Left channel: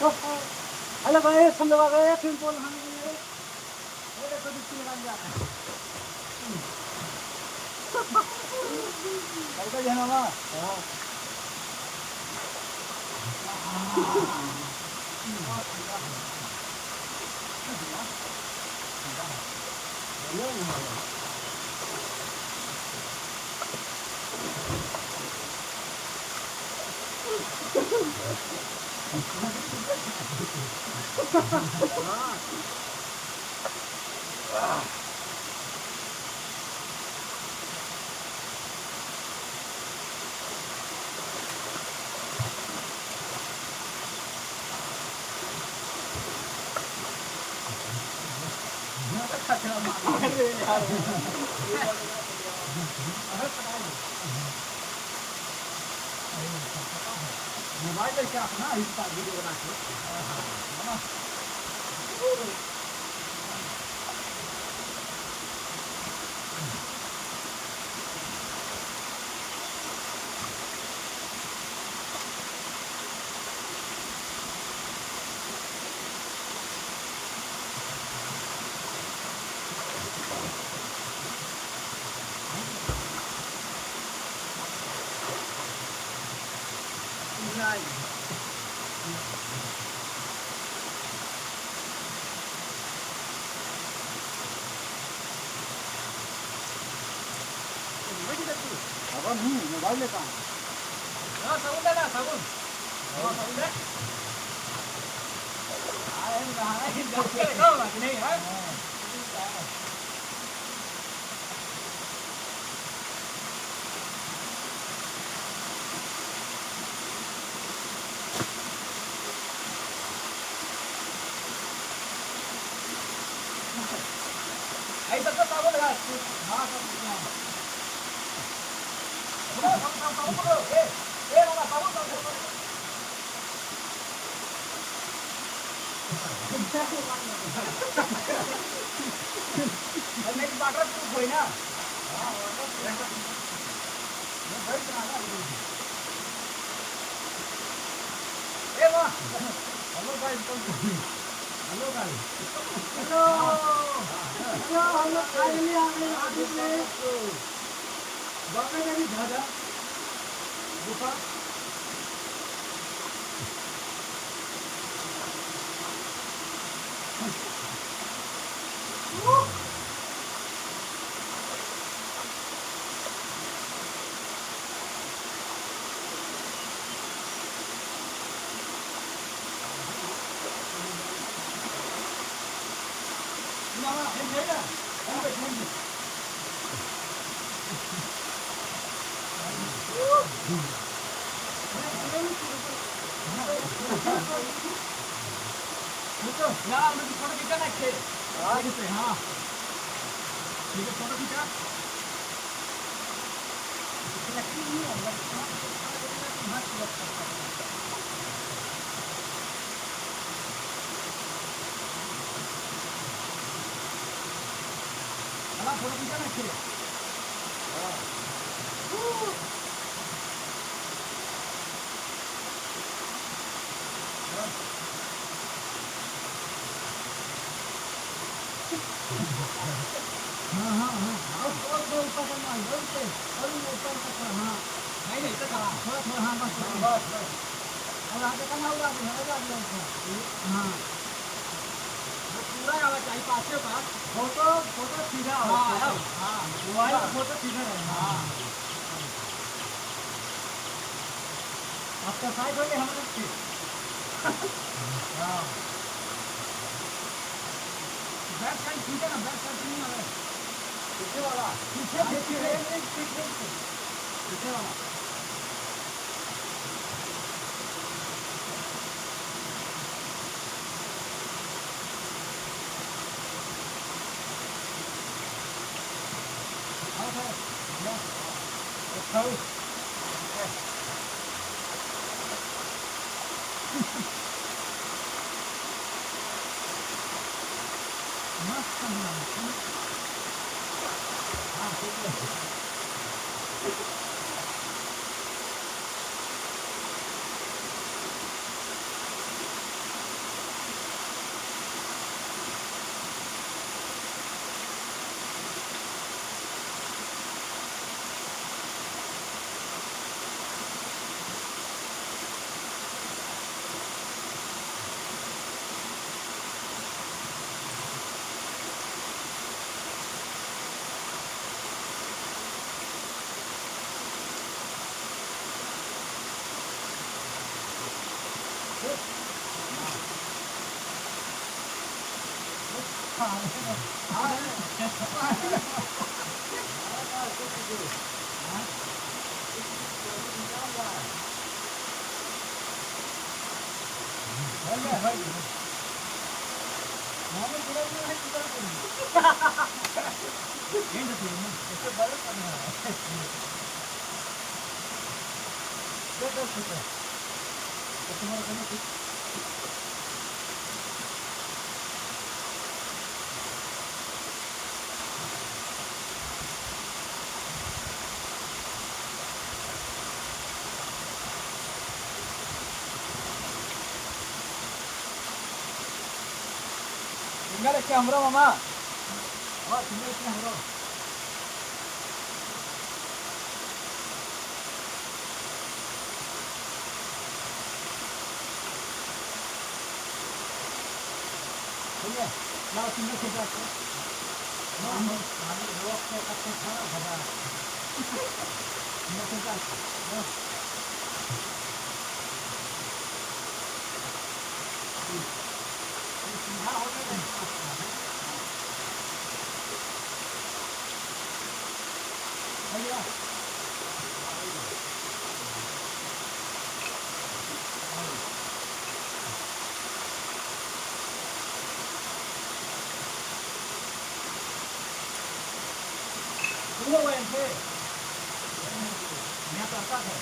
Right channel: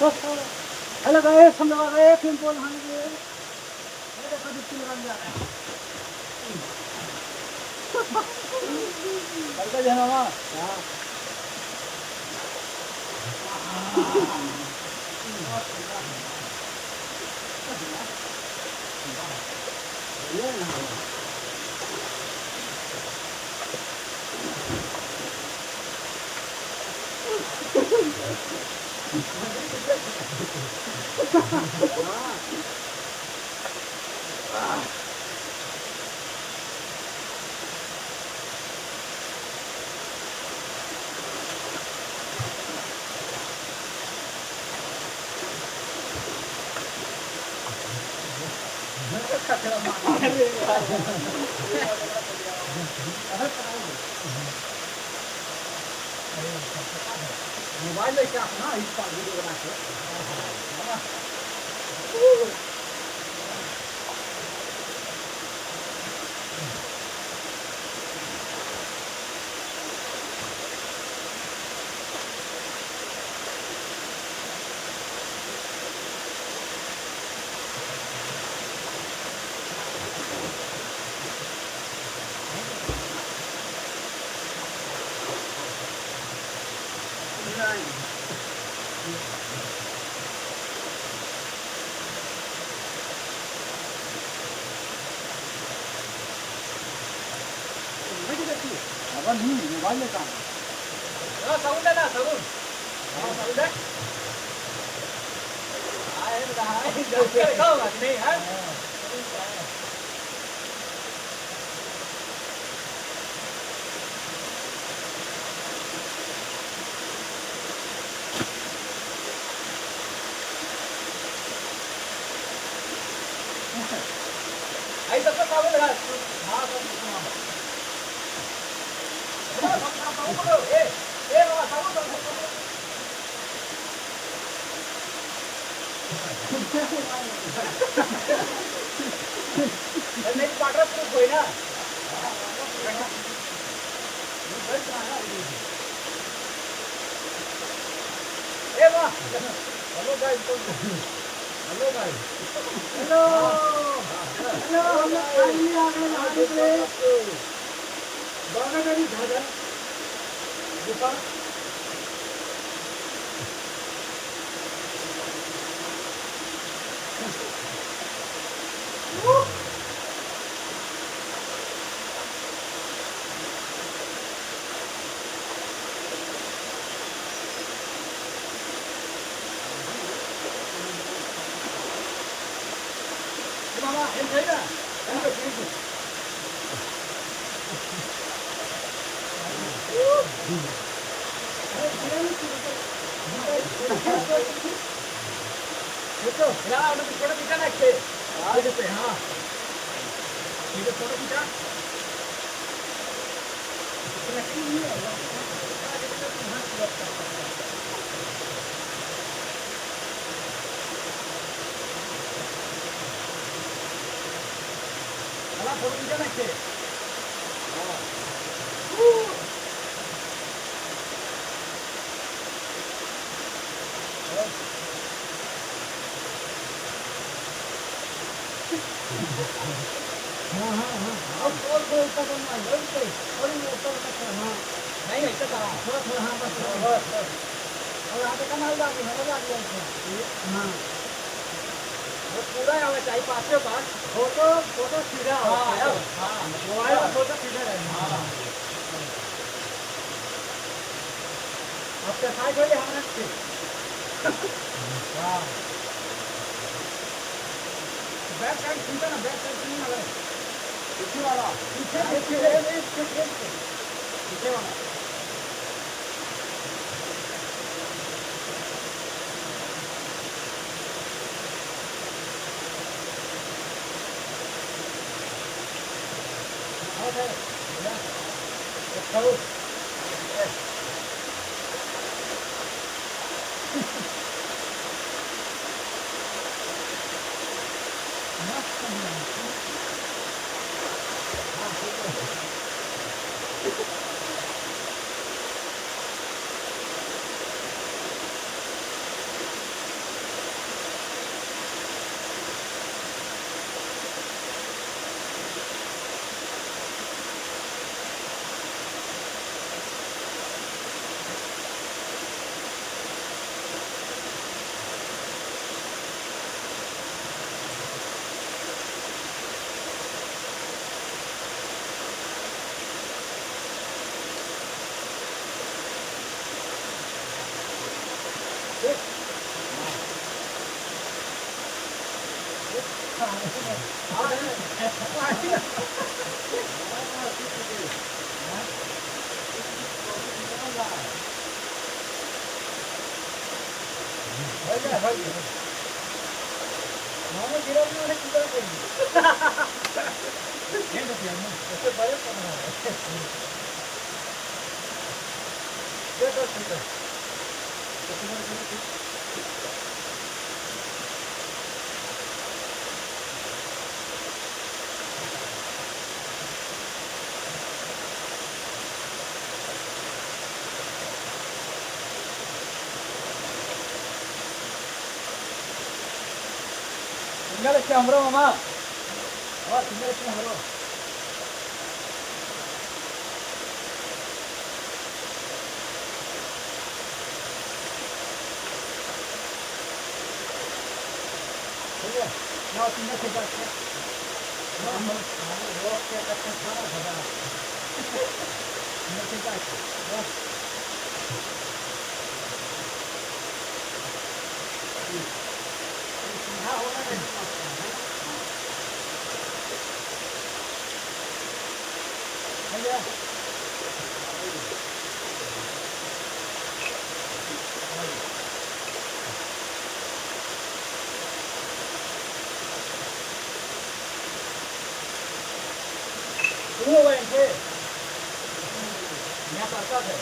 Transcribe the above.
Hello guys, हम लोग आ गए फिल्म को नहाने के लिए। ये देखो डुबकी लगाने जा रहे हैं। चलते हैं मामा। हाँ। ये ना मोबाइल लेके अपना इस पर वीडियो बना के अपन ही मोबाइल लेकर साउंड है ना साउंड साउंड है आए नहीं है आई सबका साउंड लगा हां सब नहीं वाटर प्रूफ होई ना ए वाह hello guys hello guys hello hello हम लोग फाइनली आ गए नहाने के लिए बागा गाड़ी झाड़ा गुफा मामा हम thấy ना हम तो थैंक यू देखो यार मुझे फोटो खींचा ना के हां ये पे हां ये फोटो खींचा अला फोटो खींचा ना के हां हाँ हाँ हाँ और ऊपर करना है और ऊपर तक हाँ नहीं नहीं तो कहाँ थोड़ा थोड़ा हाँ बस बस और आगे करना होगा हाँ वो पूरा आवे चाहिए पाँचों बार फोटो फोटो सीधा हाँ हाँ मोबाइल फोटो सीधा रहना हाँ आपका साइड होले हमारे हाँ बैक साइड खींचा ना बैक साइड नहीं आवे पीछे वाला पीछे पीछे पीछे वाला ओके या तो मस्त है हाँ ठीक है Tinggal siang bro mama. Oh tinggal siang bro. Boleh. Mau tinggal sebat. Mau rock ke atas sana sebat. Tinggal sebat. Oh. Đúng rồi anh thuê. Nhà tòa sao thế?